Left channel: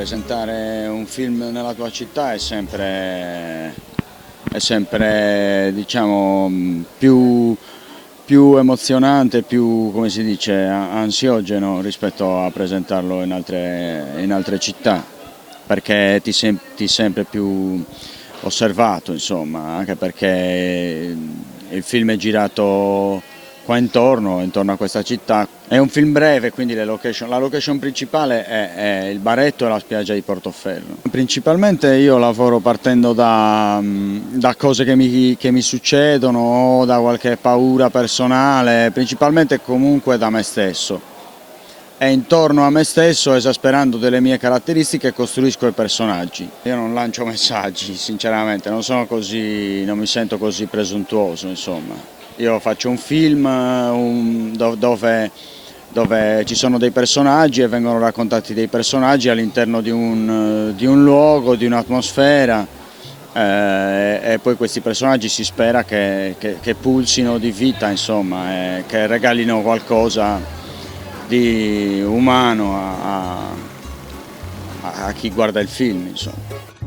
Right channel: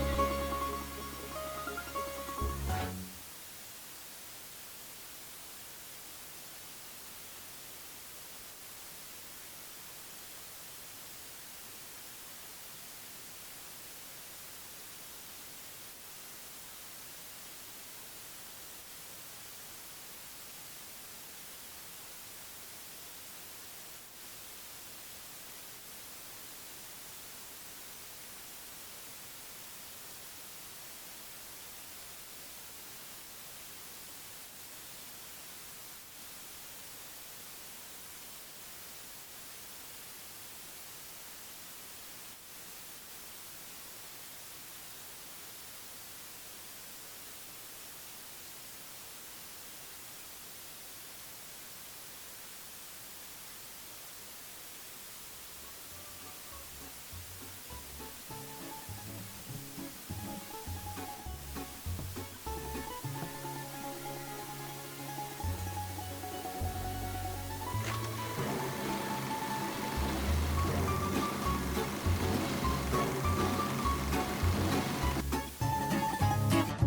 presentare un film nella tua città è sempre diciamo, più emozionante, più, come si dice, ansiogeno rispetto a presentarlo in altre città, perché ti senti sempre più osservato, insomma, anche perché il film è girato qua intorno a questa città. È un film breve, quindi la location principale è il Baretto e la spiaggia di Portoferro. Principalmente io lavoro partendo da cose che mi succedono, o da qualche paura personale, principalmente comunque da me stesso. E intorno a me stesso, esasperando delle mie caratteristiche, costruisco i personaggi. Io non lancio messaggi, sinceramente, non mi sento così presuntuoso, insomma. Io faccio un film dove ci sono dei personaggi e vengono raccontati dei personaggi all'interno di un luogo, di un'atmosfera, e poi questi personaggi si spera che pulsino di vita, insomma, e che regalino qualcosa di umano a chi guarda il film, insomma.